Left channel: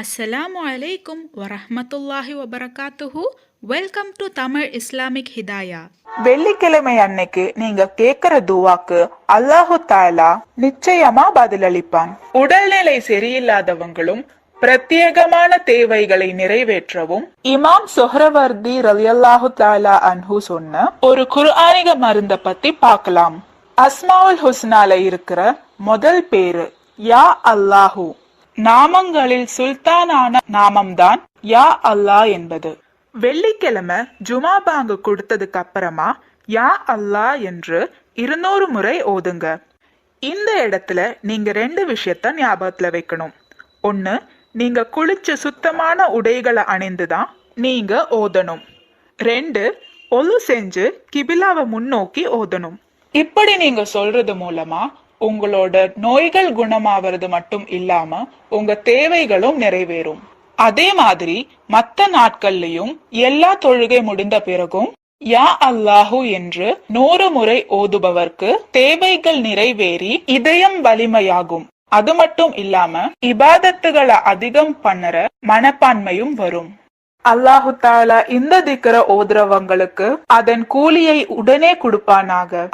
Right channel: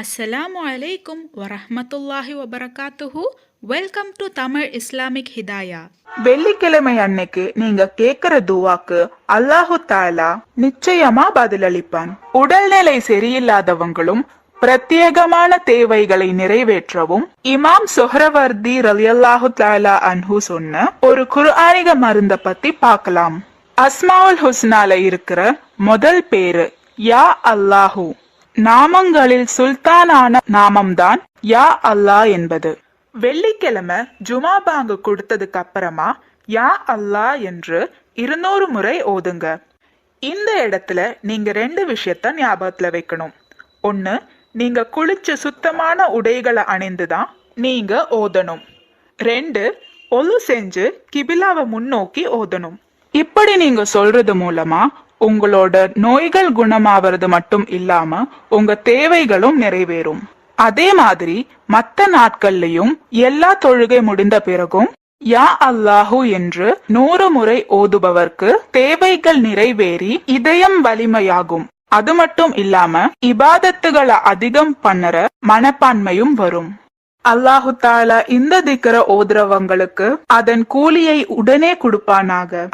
அஸ்ஸலாமு அலைக்கும் வரஹ்மத்துல்லாஹி வபரகாத்துஹு. Welcome to Tamil Islamic Hidaya. வெள்ளிக்கிழமை அன்னைக்கு நீங்க கேக்குற துவாக்கு அல்லாஹு தாலா நிச்சயமா பதிலளிப்பான். உடல்நிலை சரியில்லாதவங்களும் பிரத்யேகமான தேவைகளை நிறைவேற்றவும் இமாம் சொஹ்ரவர்தி ரலியல்லாஹு தஆலா அன்ஹு சொன்ன ஒரு குர்ஆனிக மருந்த பத்தி பார்க்கலாம். அஸ்மாவுல் ஹுஸ்னால இருக்கிற முதல் பேரு யா அல்லாஹு. நாமங்களில் சுல்தானான நாமம்தான் யா அல்லாஹ் என்பது. வெள்ளிக்கிழமை ஜுமா பாங்கு கொடுத்ததுக்கு அப்புறமா யா அல்லாஹ் என்று 200 முறை ஓதுங்க. இந்த இடத்துல நீங்க 2 விஷயத்த ஞாபகத்துல வைக்கணும். ஒண்ணு, நீங்க குளிச்சு சுத்தமான உடைகளை அணிந்துதான் நீங்க ஓதணும். 2, ஒலு செஞ்சு கிபிலாவை முன்னோக்கி ஓதணும். இப்படி நீங்க சொல்றது மூலமா உங்களோட நோய்கள் குணமாவது மட்டும் இல்லாம உங்க தேவைகளும் நிறைவேறும். அதே மாதிரி மத்த நாட்கள்லயும் எல்லா தொழுகை முடிந்த பிறகும் யா அல்லாஹு என்று 100 முறை ஓதுபவர்க்கு தேவைகள் நிறைவேறி இதயம் வலிமையாகும். அது மட்டும் இல்லாம இபாதத்துகளை அதிகம் பண்ணற மனப்பான்மையும் வரும். அல்லாஹு தாலா இந்த திக்ர ஓதுறவங்களுக்கு அதன் கூலியை உடனே கொடுப்பானாக.